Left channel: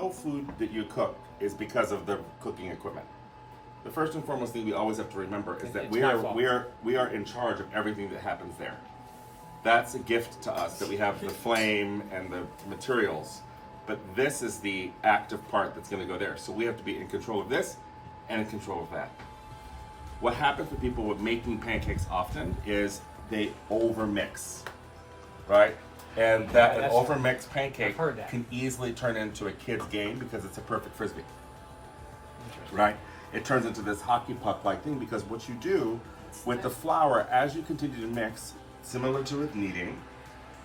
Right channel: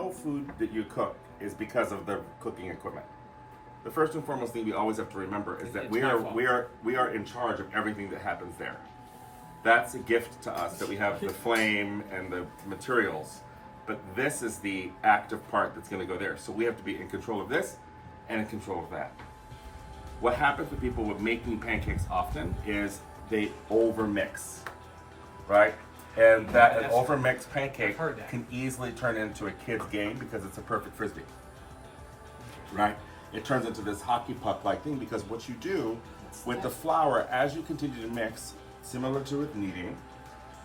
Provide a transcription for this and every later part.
no food that you cook is because of the cooking equipment. The first and foremost thing we always have to remember is that we are in charge of everything that happens there. That's a gift to us that we have the flame and the materials, but this is the active part that's going to go there. So we have to be in control of this and in control of that. What happens with people with making pancakes often is they overmix, right? And that an overmixed pancake can easily turn into a kid's game because it's a perfect frisbee, right? It turns into this hockey puck-like thing because what you do with the flour, as you continue to mix, similar to with kneading,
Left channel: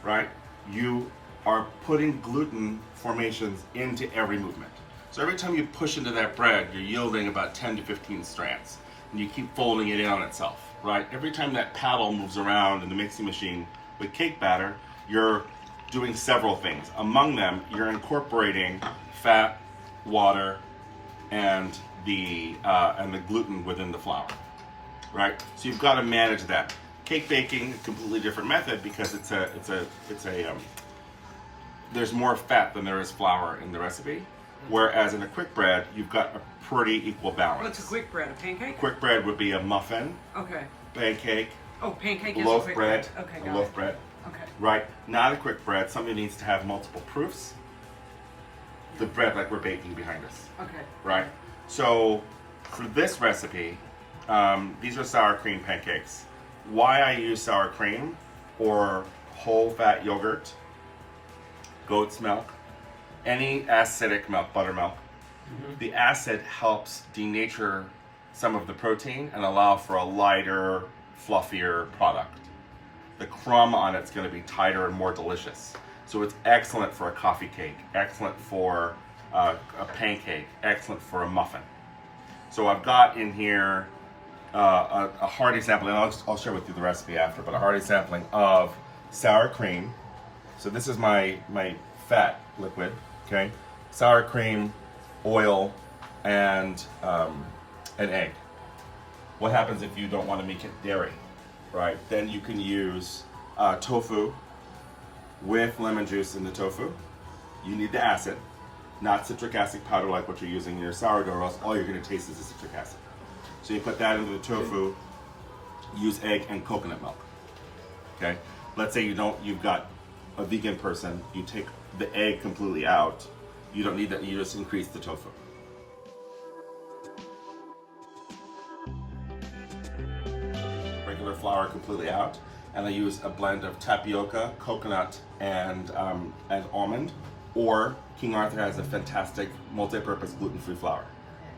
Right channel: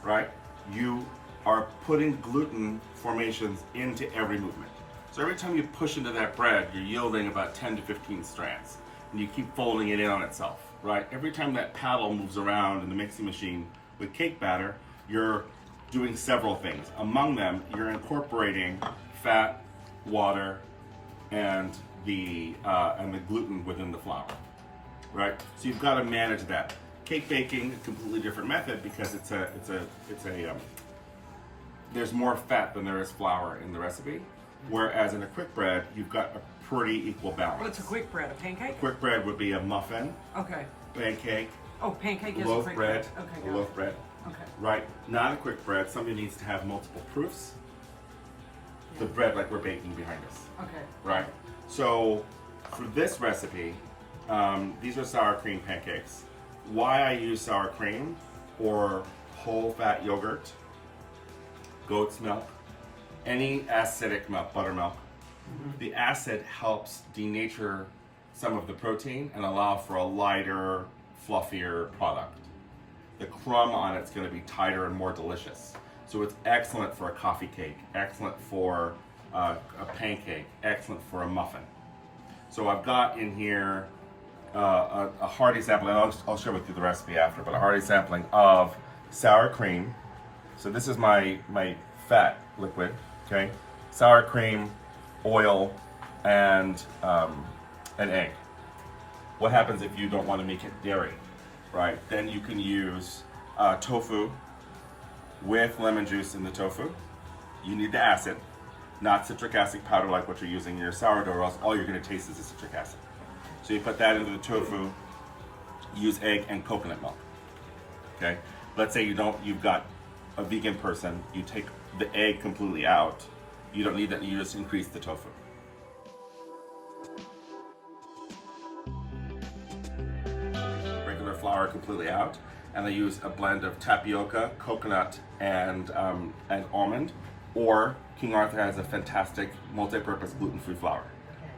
right? You are putting gluten formations into every movement. So every time you push into that bread, you're yielding about 10 to 15 strands. And you keep folding it in on itself, right? Every time that paddle moves around in the mixing machine with cake batter, you're doing several things. Among them, you're incorporating fat, water, and the gluten within the flour, right? So you've got to manage that. Cake baking, a completely different method because there's more fat than there is flour in the recipe. Whereas in a quick bread, you've got a pretty equal balance. What's a quick bread? A pancake? Quick bread would be a muffin. Okay. Pancake. Oh, pancake is loaf a quick bread. Okay, got loaf it. bread. Okay. Right. Not a quick bread. Something needs to have multiple proofs. The bread like we're baking behind us. Okay. Right. So for this recipe, these are sour cream pancakes. Why I use sour cream or whole fat yogurt, goat's milk, any acidic milk, buttermilk. The acid helps denature some of the protein and allow for a lighter, fluffier product. The crumb on it's going to be tighter and more delicious. So it's excellent for a coffee cake, excellent for a pancake, excellent for a muffin. So I've got in here a hearty sampling, and I'll share with you the recipe after, but a hearty sampling of sour cream. So this is my fat liquid, okay? Sour cream, oil, and an egg. What happens if you don't want to make it dairy, right? Then you can use tofu with lemon juice in the tofu. You need the acid, not citric acid powder like what you're using in your sourdough, or else all you're going to taste is the citric acid. So you put that into the tofu, use egg and coconut milk, okay? Let's say you've got a vegan person, you take the egg completely out. You don't need that, you just increase the tofu. Regular flour completely out, and I use a blend of tapioca, coconut, and almond, or King Arthur has a fantastic multi-purpose gluten-free flour.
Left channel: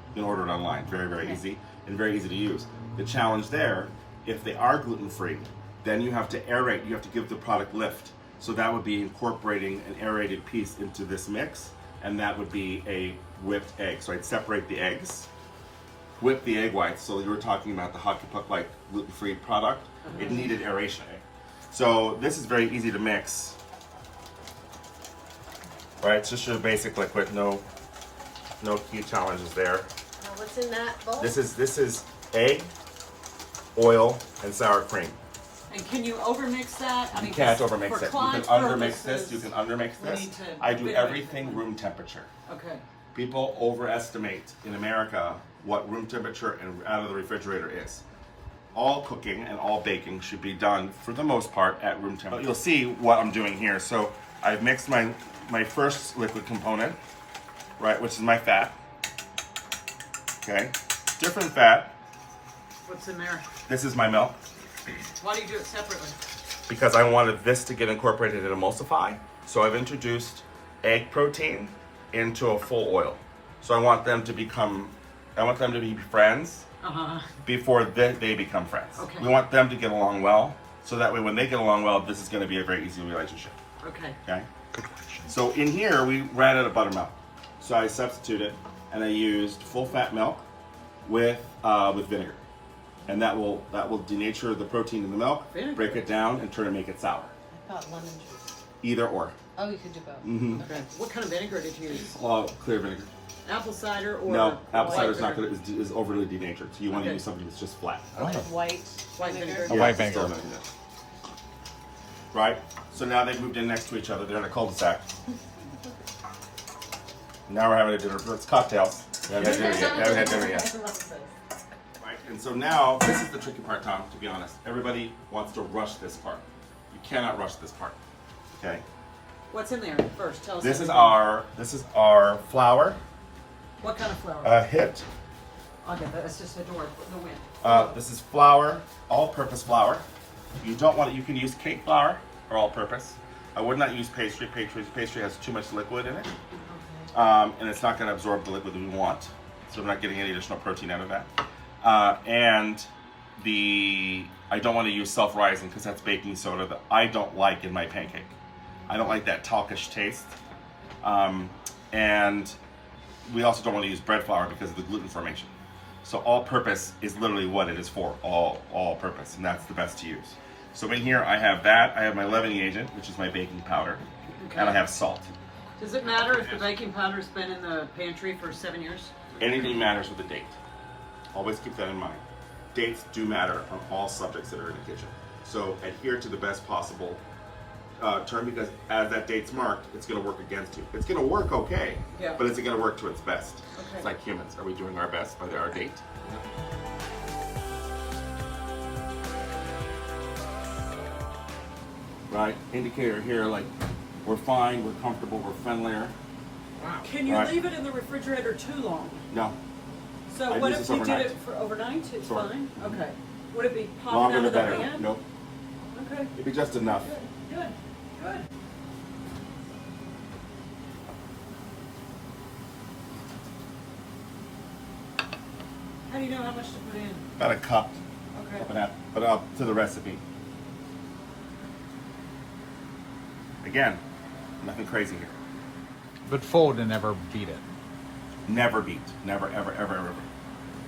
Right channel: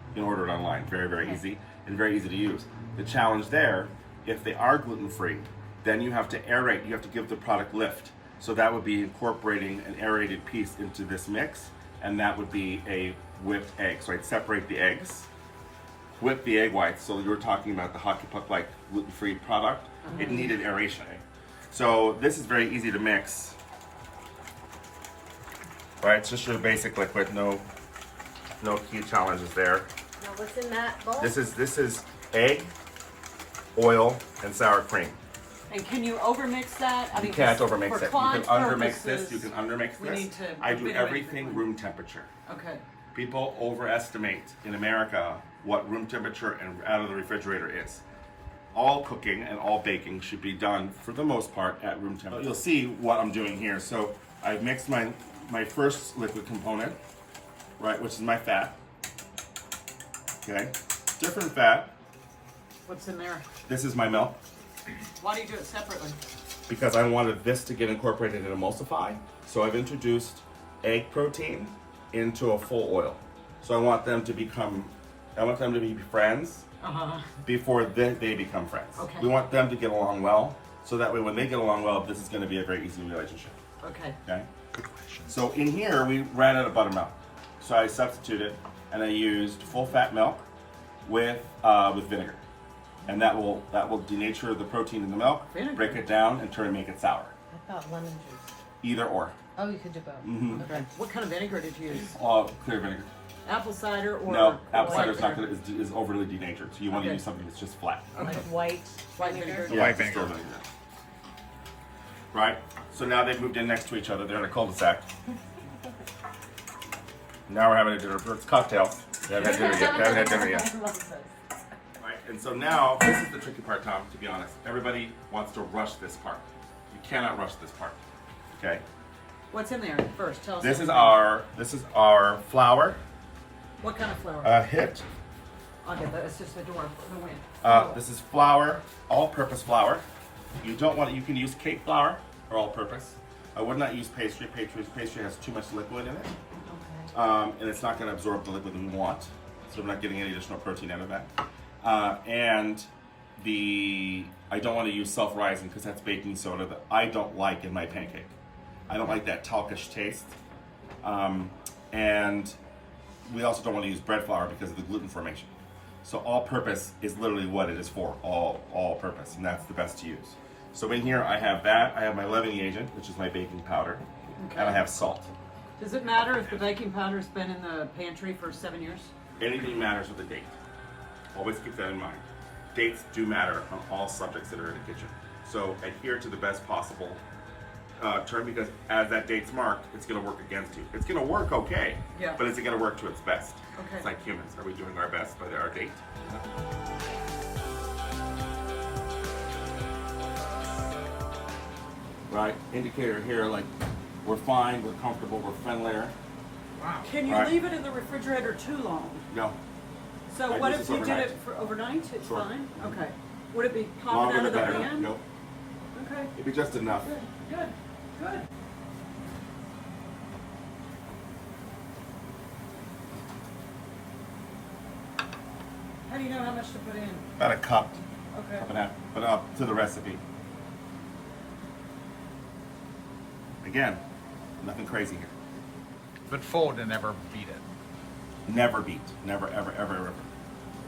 You can order it online, very, very easy, and very easy to use. The challenge there, if they are gluten-free, then you have to aerate, you have to give the product lift. So that would be incorporating an aerated piece into this mix, and that would be a whipped egg. So I'd separate the eggs, whip the egg whites. So you were talking about the hockey puck-like gluten-free product. It needed aeration. So this is very easy to mix. Right, it's just your basic liquid, no key challenges there. What's in that bowl? This is egg, oil, and sour cream. And can you overmix that? You can't overmix it. You can undermix this. You can undermix this. I do everything room temperature. Okay. People overestimate in America what room temperature and out of the refrigerator is. All cooking and all baking should be done, for the most part, at room temperature. You'll see what I'm doing here. So I've mixed my first liquid component, right, which is my fat. Okay, different fat. What's in there? This is my milk. Why do you do it separately? Because I wanted this to get incorporated and emulsify. So I've introduced egg protein into a full oil. So I want them to be friends before they become friends. Okay. We want them to get along well, so that way when they get along well, this is going to be a very easy relationship. Okay. Okay. So in here we ran out of buttermilk, so I substituted and I used full fat milk with vinegar, and that will denature the protein in the milk, break it down, and make it sour. I thought lemon juice. Either or. Oh, you could do both. Okay. What kind of vinegar did you use? Clear vinegar. Apple cider or No, apple cider is not good. Is overly denatured. So you want to use something that's just flat. Like white vinegar? Yeah, white it's still vinegar. vinegar. Right? So now they've moved in next to each other. They're in a cul-de-sac. Now we're having a dinner. It's cocktails. We haven't had dinner yet. We haven't had dinner yet. Right. And so now, this is the tricky part, Tom, to be honest. Everybody wants to rush this part. You cannot rush this part. Okay? What's in there first? Tell us. This is our flour. What kind of flour? A hit. I'll get that. It's just a door in the wind. This is flour, all-purpose flour. You don't want it. You can use cake flour or all-purpose. I would not use pastry. Pastry has too much liquid in it, and it's not going to absorb the liquid that we want. So we're not getting any additional protein out of that. I don't want to use self-rising because that's baking soda that I don't like in my pancake. I don't like that talkish taste. And we also don't want to use bread flour because of the gluten formation. So all-purpose is literally what it is for, all-purpose, and that's the best to use. So in here I have that, I have my leavening agent, which is my baking powder, and I have salt. Does it matter if the baking powder's been in the pantry for 7 years? Anything matters with the date. Always keep that in mind. Dates do matter on all subjects that are in the kitchen. So adhere to the best possible term, because as that date's marked, it's going to work against you. It's going to work okay, Yeah. but is it going to work to its best? Okay. It's like humans. Are we doing our best by our date? Right? Indicator here, like, we're fine, we're comfortable, we're friendlier. Can you Right. leave it in the refrigerator too long? No. So I what use if this you did overnight. it for overnight? It's Sure. fine? Okay. Would it be popping Longer out the of the better. pan? Nope. Okay. It'd be just enough. Good. Good. How do you know how much to put in? About a cup, Okay. cup and a half, but up to the recipe. Again, nothing crazy here. But fold and never beat it. Never beat. Never, ever, ever, ever.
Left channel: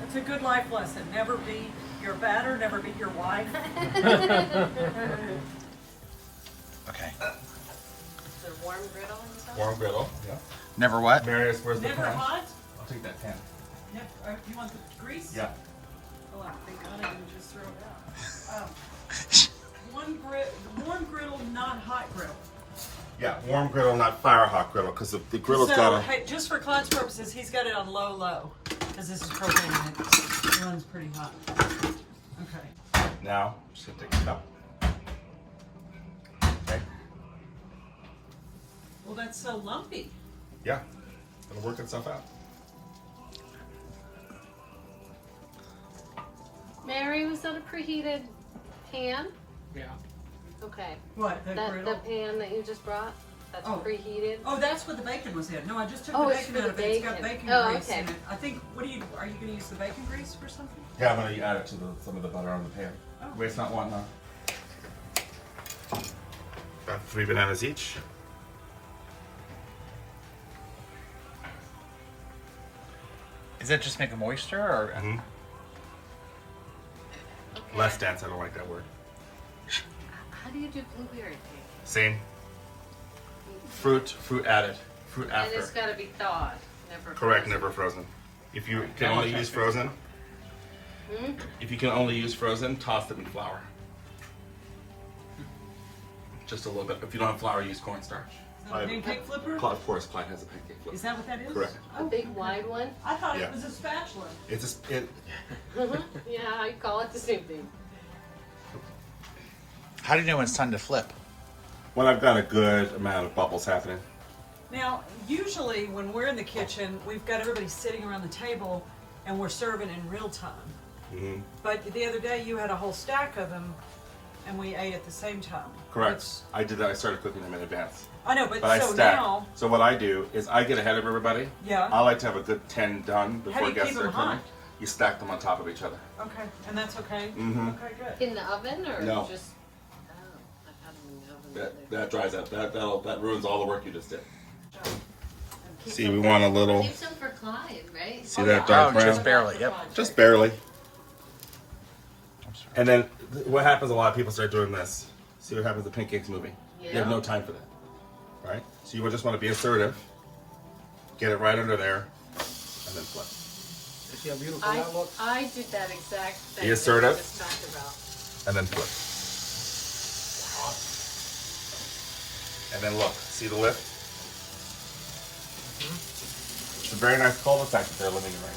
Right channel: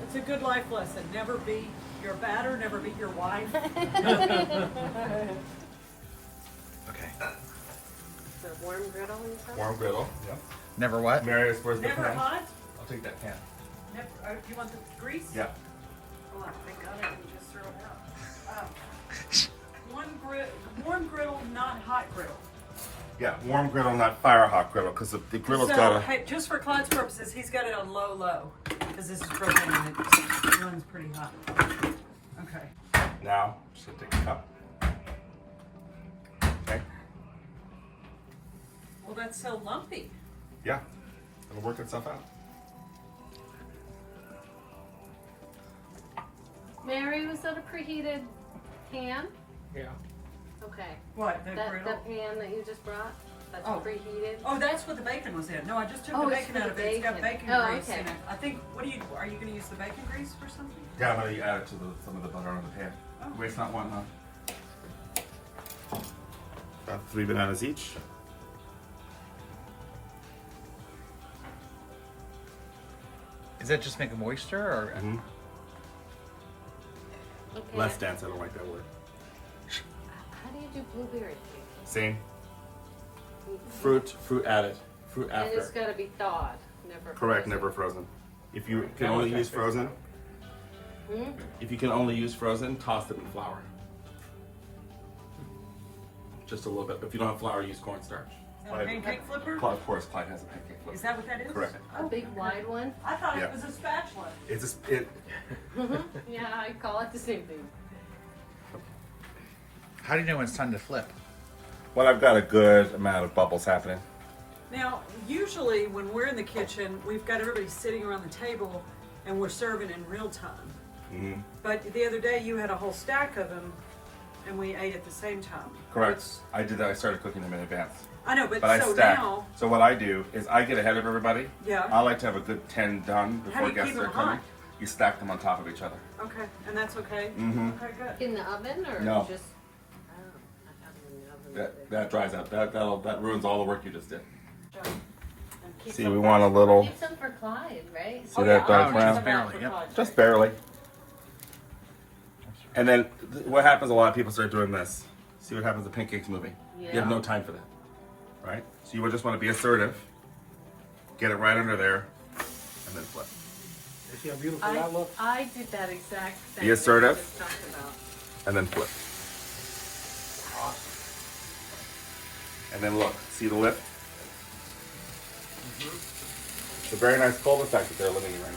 It's a good life lesson. Never beat your batter, never beat your wife. Okay. The warm griddle and stuff? Warm griddle. Yeah. Never what? Marius, where's the Never pan? hot? I'll take that pan. Never, you want the grease? Yeah. Oh, thank God I didn't just throw it out. Warm griddle, not hot griddle. Yeah, warm griddle, not fire hot griddle, because the griddle's So, got a. hey, just for Claude's purposes, he's got it on low, because this is propane and it runs pretty hot. Okay. Now, just take a cup. Okay. Well, that's so lumpy. Yeah, it'll work itself out. Mary, was that a preheated pan? Yeah. Okay. What, the The griddle? pan that you just brought? That's Oh. preheated? Oh, that's what the bacon was in. No, I just took Oh, the it's bacon for out the of it. It's got bacon. bacon Oh, grease okay. in it. I think, are you going to use the bacon grease for something? Yeah, I'm gonna add it to some of the butter on the pan. Oh. Waste not, want none. About 3 bananas each. Is that just make a moisture or? Mm-hmm. Okay. Less dense, I don't like that word. How do you do blueberry cake? Same. Fruit added. Fruit And after. it's gotta be thawed, never Correct, frozen. never frozen. If you can only use frozen, Hmm? if you can only use frozen, toss them in flour. Just a little bit. If you don't have flour, use cornstarch. Is that a pancake flipper? Of course, Clyde has a pancake flipper. Is that what that is? Correct. A big wide one? I thought Yeah. it was a spatula. It's just it. Yeah, I call it the same thing. How do you know when it's time to flip? When I've got a good amount of bubbles happening. Now, usually when we're in the kitchen, we've got everybody sitting around the table and we're serving in real time. Mm-hmm. But the other day you had a whole stack of them and we ate at the same time. Correct. I did that. I started cooking them in advance. I know, but, But I so stack. now, So what I do is I get ahead of everybody. Yeah. I like to have a good 10 done How before do you guests keep are them coming. hot? You stack them on top of each other. okay, and that's okay? Mhm. Okay, good. In the oven or No. just? Oh, I've had them in the oven. That dries out. That ruins all the work you just did. Keep See, some we for- want a little. Keep some for Clyde, right? See that dark Oh, brown? just barely, yep. Just barely. And then what happens? A lot of people start doing this. See what happens? The pancakes moving. You have Yeah. no time for that, right? So you would just want to be assertive, get it right under there, and then flip. I did that exact thing. Be assertive. that we just talked about. And then flip. And then look. See the lift? It's a very nice cul-de-sac that they're living in right now.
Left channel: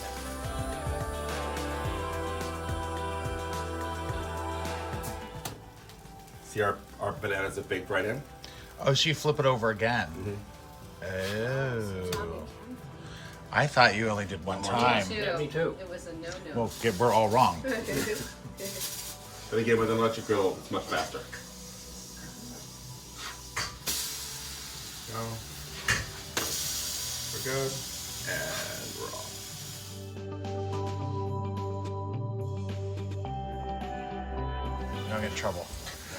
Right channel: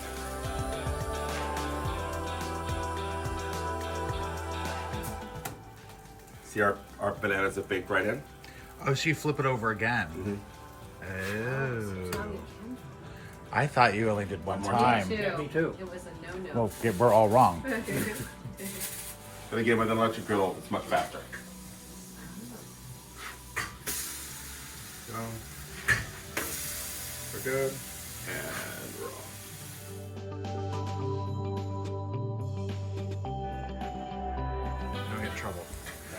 See our bananas have baked right in? Oh, so you flip it over again. Oh. I thought you only did one more time. Me Yeah, me too. It was a no-no. Well, we're all wrong. But again, with an electric griddle, it's much faster. So, we're good, and we're off. Don't get in trouble.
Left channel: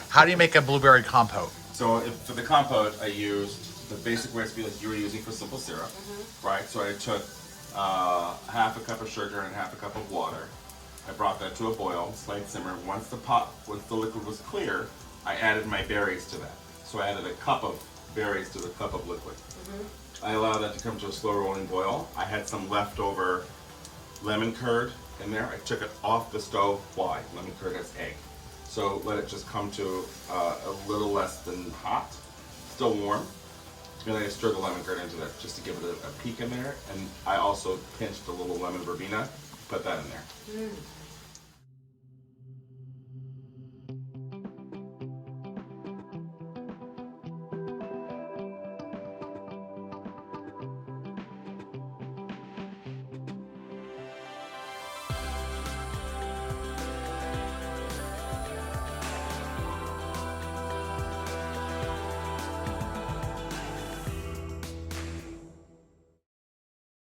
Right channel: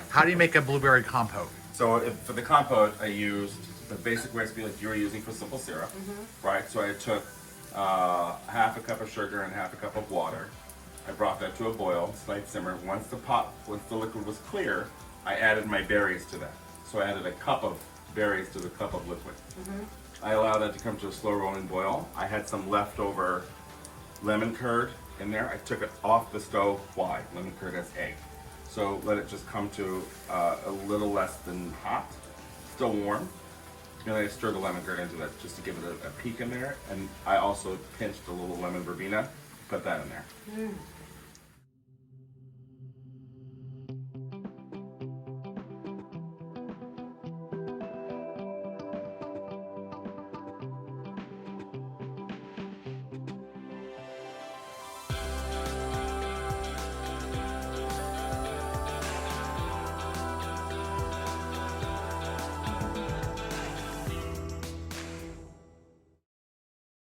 How do you make a blueberry compote? So for the compote, I used the basic recipe like you were using for simple syrup, right? So I took half a cup of sugar and half a cup of water. I brought that to a boil, slight simmer. Once the liquid was clear, I added my berries to that. So I added a cup of berries to the cup of liquid. I allowed that to come to a slow rolling boil. I had some leftover lemon curd in there. I took it off the stove. Why? Lemon curd has egg. So let it just come to a little less than hot, still warm. And I stir the lemon curd into that just to give it a peek in there. And I also pinched a little lemon verbena, put that in there.